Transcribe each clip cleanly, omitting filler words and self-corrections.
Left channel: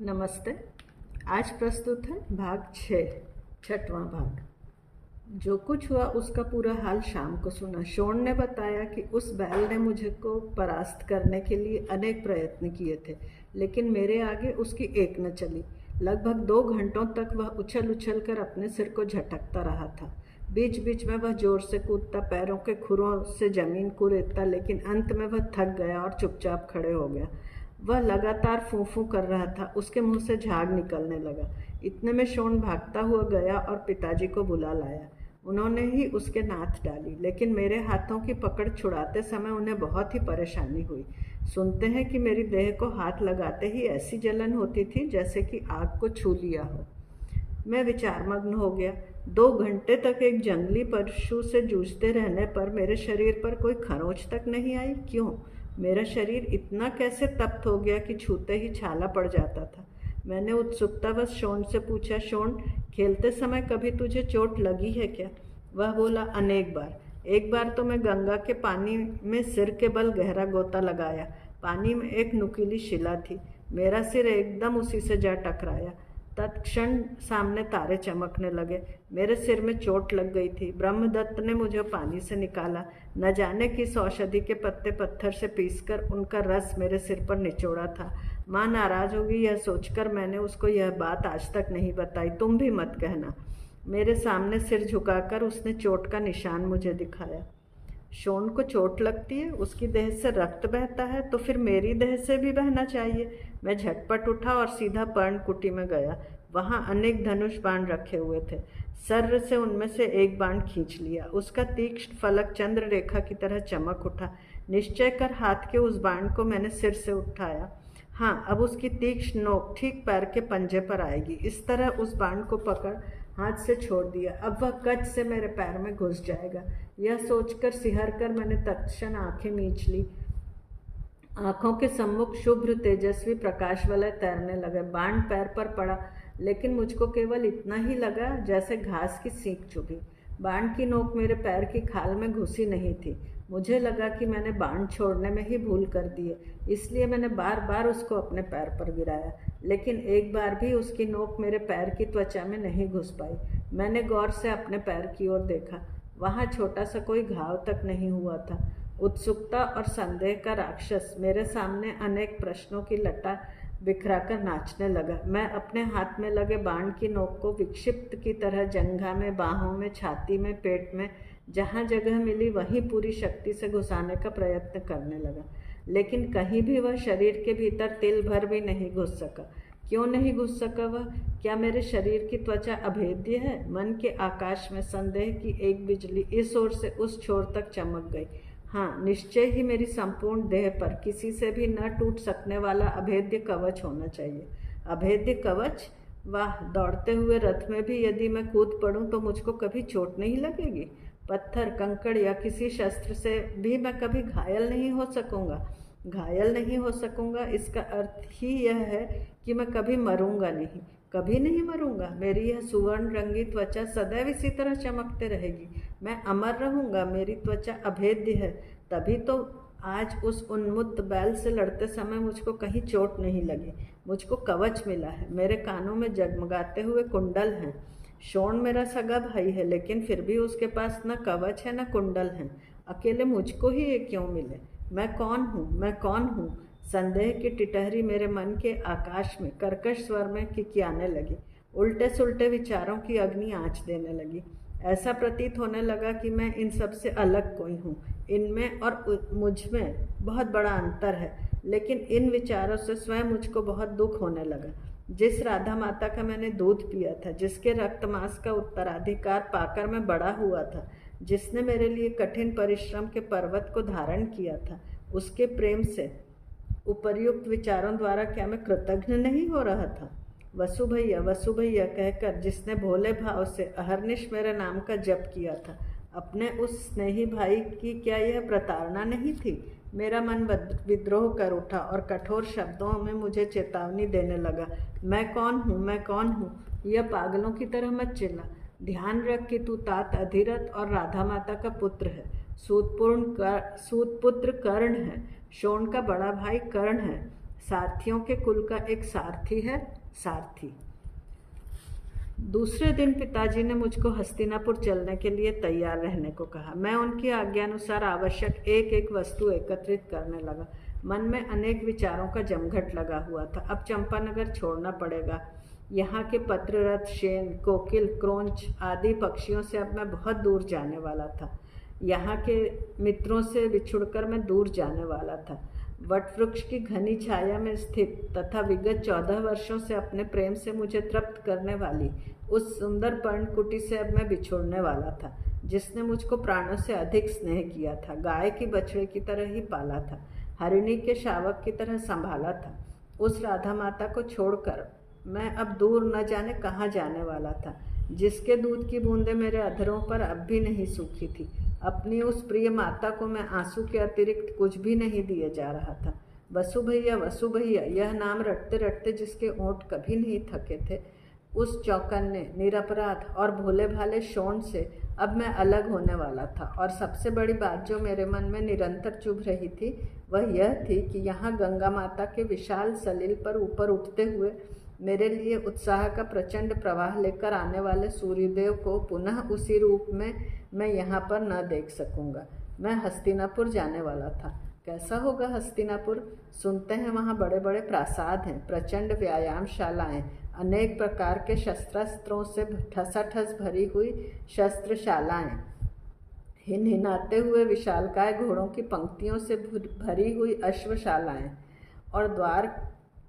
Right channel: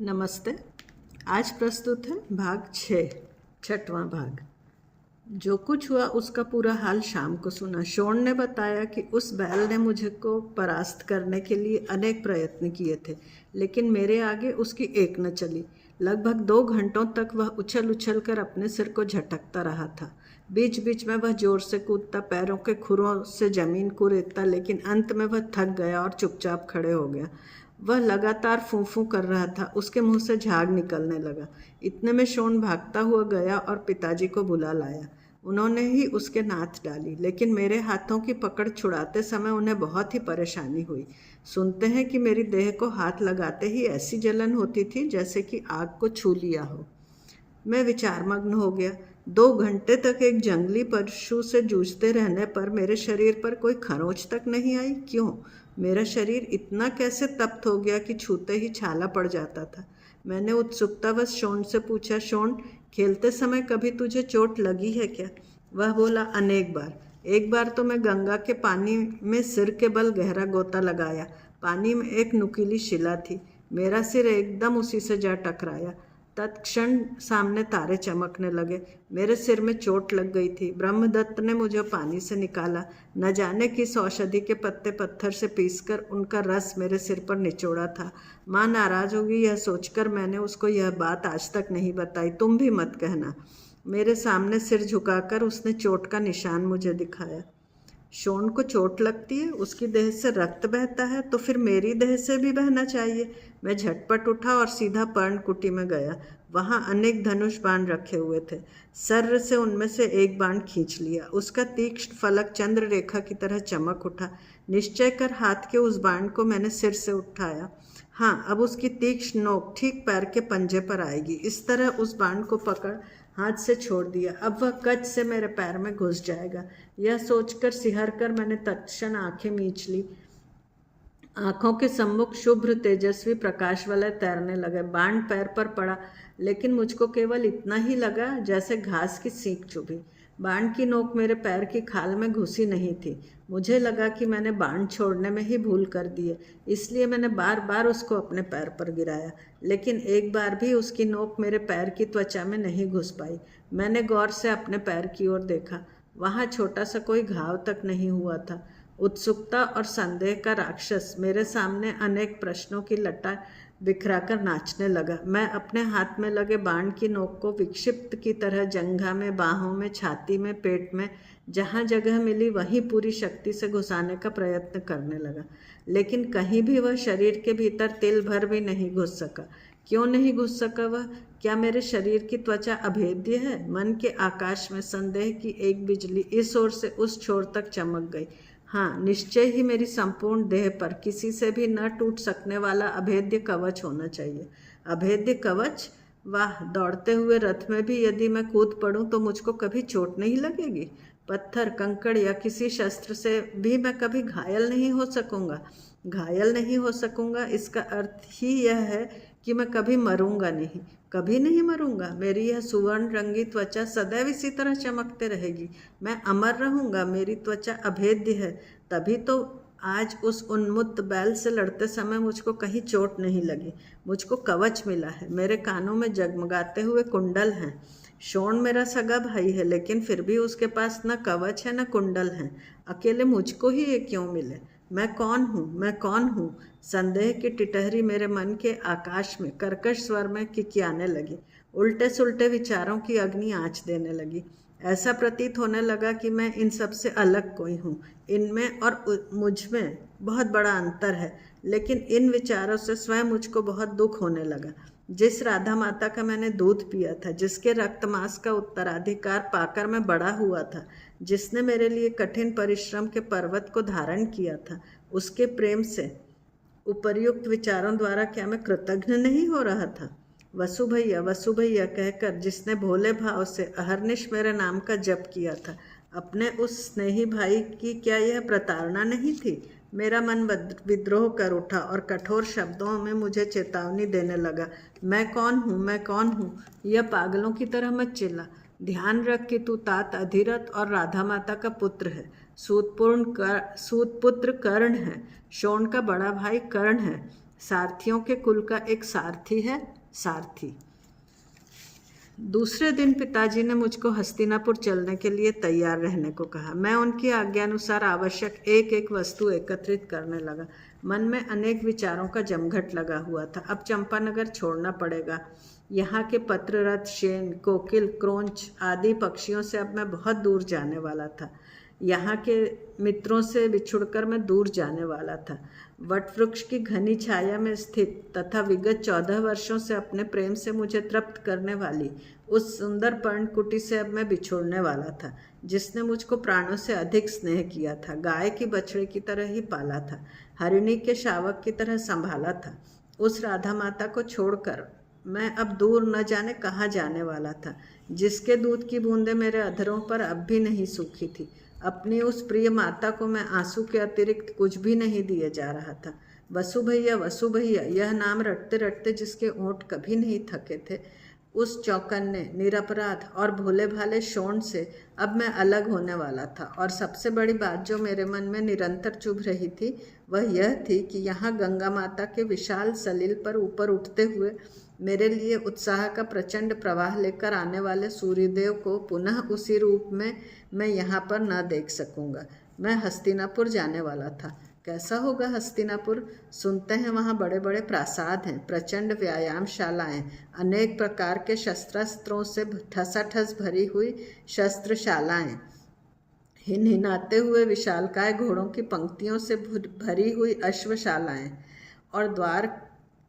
नमस्ते। आज प्रस्तुत है भाग 6, छठवां भाग। जो कुछ हुआ उसका पूरा हाल शाम को सुना। शोन ने बताया कि उस बैल ने मुझे को परास्त करने के लिए अनेक प्रयत्न किए थे, लेकिन मेरे आगे उसकी एक न चली। लगभग 2 घंटों तक वह उछल उछल कर अपने सिर को झटकता रहा था। बीच बीच में वह जोर से कूदता, पैरों के खुरों से जमीन को रेतता, लेकिन अंत में वह थक गया और चुपचाप खड़े हो गया। वह लगातार फूं फूं कर रहा था। उसके मुंह से झाग निकलने लगा। इतने में शोन भागता हुआ गया और पिताजी को बुला लाया। उन्होंने ही उसके नाथ डाली, लेकिन मेरे हाथों की पकड़ छुड़ाते समय उन्हें बहुत ही परेशानी हुई। सुनते हैं कि मेरी देह को हाथ लगाते ही ऐसी जलन होती थी जैसे कि आग को छू लिया हो। मैं विचारमग्न हो गया। 2 घंटे तक एक जंगली पशु से जूझते रहने पर मेरे शरीर पर कोई खरोंच तक नहीं आई। क्यों? मेरा शरीर इतना कैसे तप्त हो गया कि छूते ही छाला पड़ जाता था। मैंने उत्सुकतावश शोन से पूछा, शोन, खेलते समय कभी तुझे चोट लगी है क्या? वह बोला, अनेक बार। एक बार तो मैं गंगा के पानी में सिर के बल गहरा गोता लगाया। पानी में एक नुकीली शिला थी। मेरा सिर एकदम उसी से जा टकराया। तत्क्षण सामने तारे चमकने लगे। मेरे सिर में चोट लग गई थी। ब्रह्मदत्त ने मुझे पानी से निकाला। न जाने किस औषधि के पत्ते पत्थर से पीसकर उनका रस मेरे सिर पर निचोड़ा था। माँ नाराज होगी यह सोचकर मैंने उसको यह बात आज तक नहीं बताई। तुम भी मत कहना। मेरे सामने सिर झुकाकर उसने चोट का निशान मुझे दिखाया। शोन को चोट लगती है, उसकी देह से रक्त बहता है, तो फिर मेरी देह से भी बहना चाहिए। मैं झटपट उठा और सीधा पर्णकुटी में गया। वहां अनेक धनुष बाण रखे हुए थे। सर्र से उनमें से एक बाण खींच लिया। उसका तीक्ष्ण फलक चंद्र रेखा की तरह चमक उठा। निश्चय कर हाथ के उस बाण को मैंने सिर से उठाया। हाँ, अब उसकी तीक्ष्ण नोक ठीक पैर के पंजे पर आएगी। इस तरह उस बाण को पकड़ हाथ से छोड़ दिया। अब वह कच से मेरे पैर में घुस जाएगा। यह सोचकर सिहर कर मैंने तत्क्षण आंखें मींच ली। आंखों के सम्मुख शुभ्र तेजस्वी प्रकाश वाले तैरने लगे। बाण पैर पर पड़ा, लेकिन मुझको केवल इतना ही लगा जैसे घास की सींक चुभी। बाण की नोक मेरे पैर की खाल में घुसी नहीं थी। मुझे लगा कि मैंने बाण छोड़ने में ही भूल कर दी है, इसलिए मैंने बार बार उसको अपने पैर पर गिराया, लेकिन एक बार भी उसकी नोक मेरे पैर की त्वचा में नहीं घुस पाई। मैंने गौर से अपने पैर की ओर देखा। वहाँ छोटा सा कोई घाव तक नहीं हुआ था। उत्सुकता और संदेह का राक्षस मेरे सामने अनेक प्रश्नों की लटा बिखराकर नाचने लगा। मैं अपने हाथ में लगे बाण की नोक को विक्षिप्त की तरह जंघा में, बाहों में, छाती में, पेट में, जहाँ जगह मिली वहीं पूरी शक्ति से घुसाने का प्रयत्न करने लगा, लेकिन कहीं भी वह शरीर के भीतर तिल भर भी नहीं घुस सका। क्यों नहीं घुस सका वह? क्या मेरे शरीर की त्वचा अभेद्य है? मन के आकाश में संदेह की एक बिजली इस ओर से उस छोर तक चमक गई। हाँ, निश्चय ही मेरी संपूर्ण देह पर किसी से भी न टूट सकने वाला अभेद्य कवच होना चाहिए। अभेद्य कवच? वाह! दौड़ते हुए रथ में भी यदि मैं कूद पड़ूं तो मुझको कभी चोट नहीं लगेगी। पत्थर, कंकड़ या किसी शस्त्र से भी मैं कभी घायल नहीं हो सकूंगा। घायल नहीं हो सकूंगा, इसका अर्थ ही यह है कि मैं कभी मरूंगा नहीं, कभी नहीं मरूंगा। मेरी यह सुवर्ण रंगी त्वचा सदैव इसी तरह चमकते रहेगी। मैं अमर रहूंगा। मेरी त्वचा अभेद्य है। तभी तो आज उस उन्मत्त बैल से लड़ते समय मुझको कहीं चोट नहीं लगी। मुझको कवच मिला है। मेरे कानों में जगमगाते हुए कुंडल हैं। शोन मेरा सगा भाई है, लेकिन फिर भी उसके पास न कवच है न कुंडल है। अकेले मुझको ही ये क्यों मिले? मैं कौन हूँ? मैं कौन हूँ? संदेह की टिटहरी मेरे मन के आकाश में कर्कश स्वर में किकियाने लगी। उल्टे सुल्टे विचारों की अग्नि आँच देने लगी। ऐसा प्रतीत होने लगा कि मैं इन सब से अलग कोई हूँ। इनमें और मुझ में बहुत बड़ा अंतर है, लेकिन इन विचारों से स्वयं मुझको बहुत दुख होने लगा। जिस राधा माता का मैंने दूध पिया था, जिसके रक्त मांस का उत्तराधिकार पाकर मैं बड़ा हुआ था, जिसने मेरे लिए कठिन परिश्रम के पर्वत को धारण किया था, उसके प्रेम से उपर्युक्त विचारों द्वारा क्या मैं कृतघ्न नहीं हो रहा था? वसु भैया कहकर जिसने भोले भाव से अहर्निश मेरे नाम का जप किया था, अपने उस स्नेही भाई की क्या यह प्रताड़ना नहीं थी? मेरा मन विद्रोह कर उठा और कठोर शब्दों में मुझे चेतावनी देने लगा। मैं कौन हूँ? मैं कौन हूँ? यह पागलों की तरह मत चिल्ला। ध्यान रख कि तू तात अधिरथ और राधा माता का पुत्र है। सूत पुत्र कर्ण है। शोण का बड़ा भाई कर्ण है। सारथियों के कुल का एक सारथी है, सारथी। दूसरे दिन पिताजी ने मुझको हस्तिनापुर चलने के लिए तैयार रहने को कहा। मैं उनकी आज्ञानुसार आवश्यक एक एक वस्तु एकत्रित करने लगा। मन में अनेक विचारों का जमघट लगा हुआ था। अब चंपानगर छोड़ना पड़ेगा। यहाँ के पत्ररथ, शेन, कोकिल, क्रोंच आदि पक्षियों से अब मैं बहुत दूर जाने वाला था। यहाँ के मित्रों से बिछुड़कर मैं दूर जाने वाला था। वटवृक्ष की घनी छाया में स्थित तथा विगत 14 वर्षों से अपने प्रेम से मुझे तृप्त करने वाली उस सुंदर पर्णकुटी से अब मैं बिछुड़ने वाला था, जिसने मुझको प्राणों से अधिक स्नेह किया था, गाय की बछड़े की तरह ही पाला था, हरिणी के शावक की तरह संभाला था। उस राधा माता को छोड़कर मैं अब दूर न जाने कहाँ जाने वाला था, जिसके दूध की बूंदें मेरे अधरों पर अब भी नहीं सूखी थी। अपनी उस प्रिय माता को मैं आंसू के अतिरिक्त कुछ भी नहीं दिए जा रहा था। वसु भैया, वसु भैया, यह नाम रटते रटते जिसके ओंठ कभी नहीं थके थे, उस चौकन्ने, निरपराध और भोले भाले शोण से अब मैं अलग होने वाला था। और सबसे बड़ी बात जो मेरे मन में निरंतर चुभ रही थी वह यह थी कि यहाँ गंगा माता के विशाल सलील पर ऊपर उठते हुए मेरे लिए उत्साह का प्रचंड प्रवाह लेकर आने वाले सूर्यदेव को पुनः उसी रूप में मैं यहाँ पर न देख सकूँगा। मैं हस्तिनापुर जाने वाला था। कैसा होगा हस्तिनापुर? सुनते हैं वहाँ बड़े बड़े प्रासाद हैं, प्रचंड व्यायामशालाएं, अनेक प्रकार के शस्त्रास्त्रों से ठसाठस भरी हुई शस्त्रशालाएं, हिनहिनाते हुए विशालकाय घोड़ों की पंक्तियों से भरी हुई अश्वशालाएं, और द्वार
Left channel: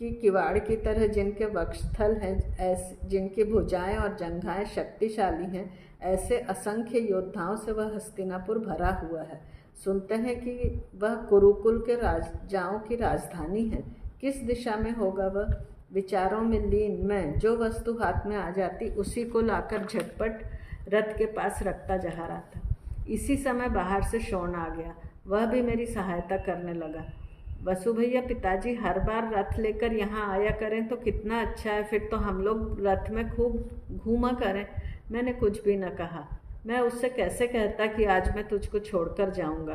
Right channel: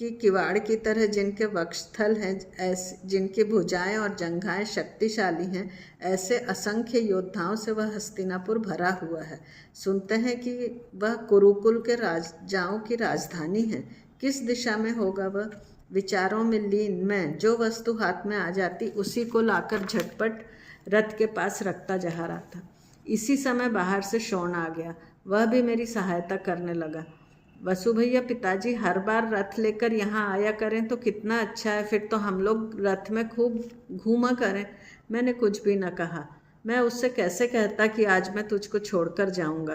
की किवाड़ की तरह जिनके वक्षस्थल हैं, जिनकी भुजाएं और जंघाएं शक्तिशाली हैं, ऐसे असंख्य योद्धाओं से वह हस्तिनापुर भरा हुआ है। सुनते हैं कि वह कुरुकुल के राजाओं की राजधानी है। किस दिशा में होगा वह? विचारों में लीन मैं जो वस्तु हाथ में आ जाती उसी को लाकर झटपट रथ के पास रखता जा रहा था। इसी समय बाहर से शोण आ गया। वह भी मेरी सहायता करने लगा। वसु भैया, पिताजी हर बार रथ लेकर यहाँ आया करें तो कितना अच्छा है, फिर तो हम लोग रथ में खूब घूमा करें। मैंने कुछ भी न कहा। मैं उससे कैसे कहता कि आज मैं तुझको छोड़कर जाऊंगा।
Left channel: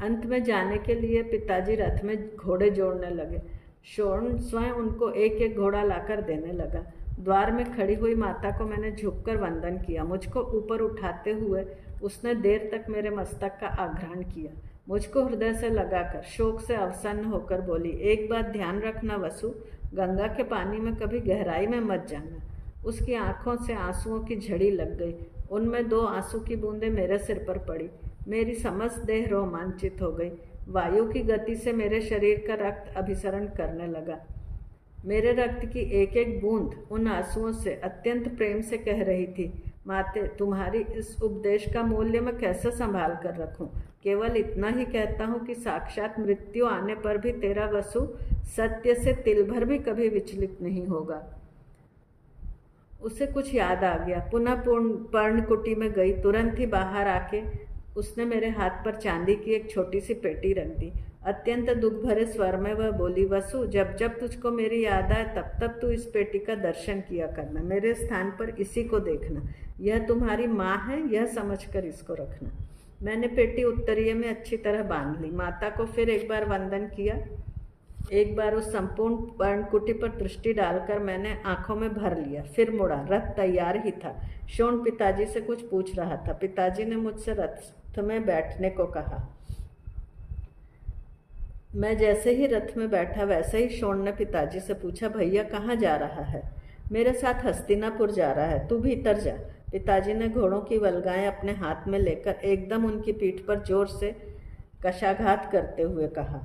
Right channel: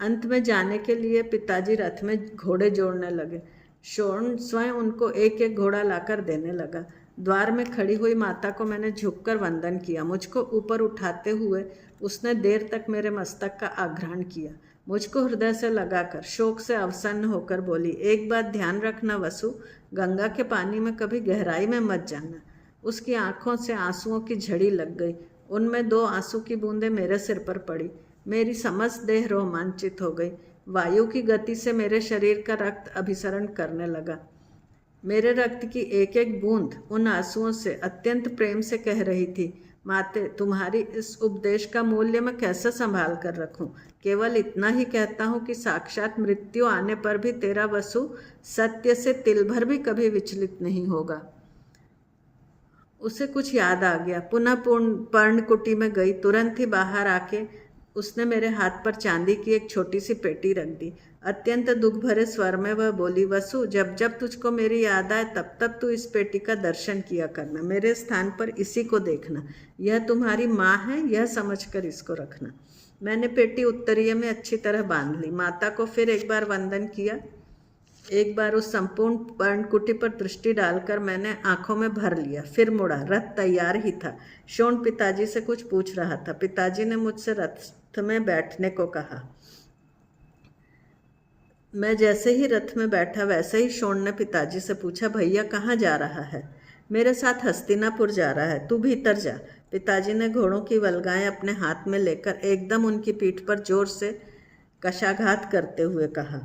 अंत में जाने के लिए पिताजी रथ में घोड़े जोड़ने लगे। शोण स्वयं उनको एक एक घोड़ा लाकर देने लगा। द्वार में खड़ी हुई माता को मैंने झुककर वंदन किया। मुझको ऊपर उठाते हुए उसने देर तक मेरे मस्तक का आग्रहण किया। मुझको हृदय से लगाकर शोक से अवसन्न होकर बोली, एक बात ध्यान रखना वसु, गंगा के पानी में कभी गहराई में मत जाना। उसकी आंखों से आंसुओं की झड़ी लग गई। उनमें 2 आंसू की बूंदें मेरे सिर पर पड़ी। मेरी समस्त देह रोमांचित हो गई। वायु की गति से मेरे शरीर का रक्त अभिसरण करने लगा। मेरे रक्त की एक एक बूंद उन आंसुओं से अत्यंत प्रेम से कह रही थी, माते, तुम्हारी इस उपदेश का मूल्य मैं कैसे संभाल कर रखूं? केवल इतना ही कहता हूं कि साक्षात मृत्यु आने पर भी तेरा वसु सत्य से तिल भर भी कभी विचलित नहीं होगा। उसे कुछ याद आ गया। पुनः पर्णकुटी में गई। तुरंत ही बाहर आके उसने मेरे हाथ पर चांदी की एक छोटी सी पेटी रख दी। अत्यंत दुख भरे स्वर में वह बोली, वसु, जब जब तुझको मेरी याद आए तब तब तू इस पेटी का दर्शन किया करना। मेरे स्थान पर इसी को देखना। यह तुम्हारी माँ है, यह समझकर इसको रखना। मैंने पेटी उत्तरीय में अच्छी तरह बांध ली। माता को फिर एक बार वंदन किया। एक बार उस संपूर्ण पर्णकुटी पर दृष्टि डालकर मैंने आंखों में भर लिया। फिर मुड़ा। रथ तैयार ही था। शोण पिताजी से कुछ पूछ रहा था। पिताजी ने मुझसे रथ में बैठने को कहा। मैं जैसे ही रथ में बैठा वैसे ही शोण ने पिताजी से पूछा, भैया कहाँ जा रहा है? मेरे साथ हस्तिनापुर जा रहा है, तू भीतर जा। पिताजी ने घोड़ों की वल्गाएं अपने हाथ में लेकर एकदम उनकी पीठ पर जोर से कशाघात करते हुए कहा।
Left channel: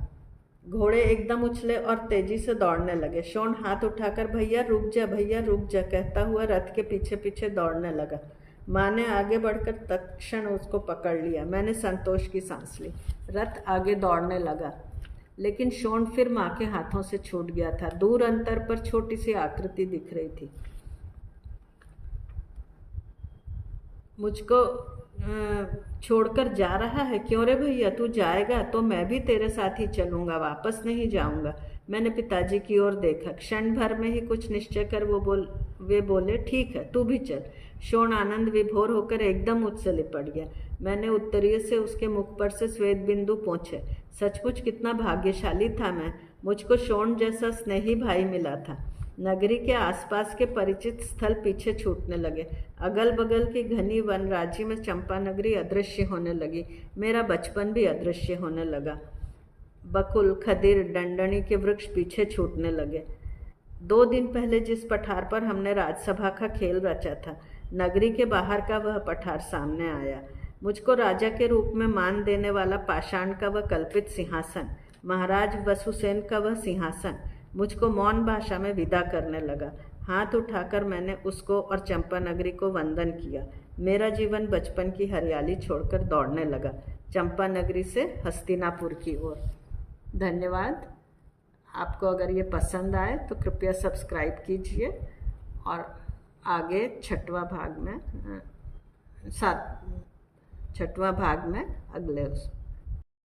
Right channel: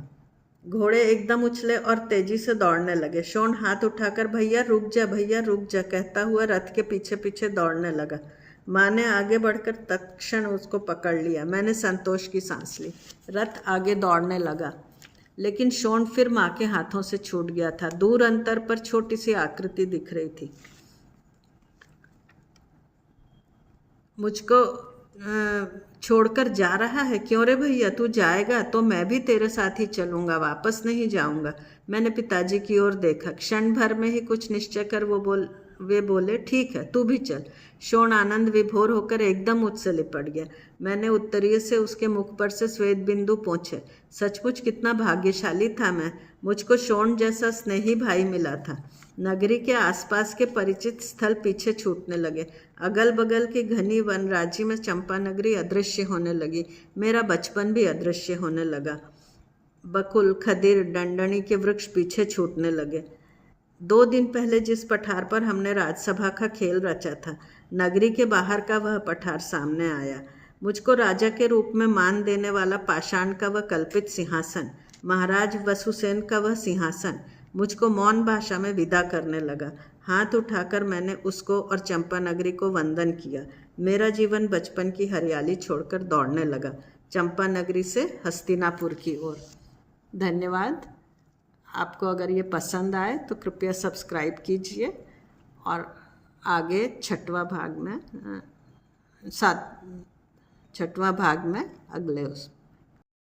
घोड़े एकदम उछले और तेजी से दौड़ने लगे। शोण हाथ उठाकर भैया रुक जा, भैया रुक जा कहता हुआ रथ के पीछे पीछे दौड़ने लगा। माँ ने आगे बढ़कर तत्क्षण उसको पकड़ लिया। मैंने संतोष की सांस ली। रथ आगे दौड़ने लगा, लेकिन शोण फिर माँ के हाथों से छूट गया था। दूर अंतर पर छोटी सी आकृति दिख रही थी। मुझको छोड़कर जा रहा है? क्यों रे भैया, तू जाएगा तो मैं भी तेरे साथ ही चलूंगा, वापस नहीं जाऊंगा। मैंने पिताजी की ओर देखा। क्षण भर में ही कुछ निश्चय कर वे बोले, ठीक है, तू भी चल। शोण आनंद विभोर होकर एकदम मुझसे लिपट गया। मैंने उत्तरीय से उसके मुख पर से श्वेत बिंदु पोंछे। सचमुच कितना भाग्यशाली था मैं। मुझको शोण जैसा स्नेही भाई मिला था। नगरी के आसपास के परिचित स्थल पीछे छूटने लगे। अगल बगल की घनी वन राज्य में चंपा नगरी अदृश्य होने लगी। मेरा बचपन भी अदृश्य होने लगा। बकुल, खदिर, डंडनी के वृक्ष पीछे छूटने लगे। 2 दिन पहले जिस पठार पर हमने राजसभा का खेल रचा था, नगरी के बाहर का वह पठार सामने आया। मुझको राजा के रूप में मान देने वाला पाषाण का वह कल्पित सिंहासन, महाराज वसुसेन का वह सिंहासन, मुझको मौन भाषा में विदा करने लगा। हाथ उठाकर मैंने उसको और चंपा नगरी को वंदन किया। मेरा जीवन बचपन की हरियाली छोड़कर दौड़ने लगा, चंपा नगरी से हस्तिनापुर की ओर। धन्यवाद। आपको अगर ये पसंद आए तो कृपया सब्सक्राइब कीजिए और आगे छठवां भाग में अगले उस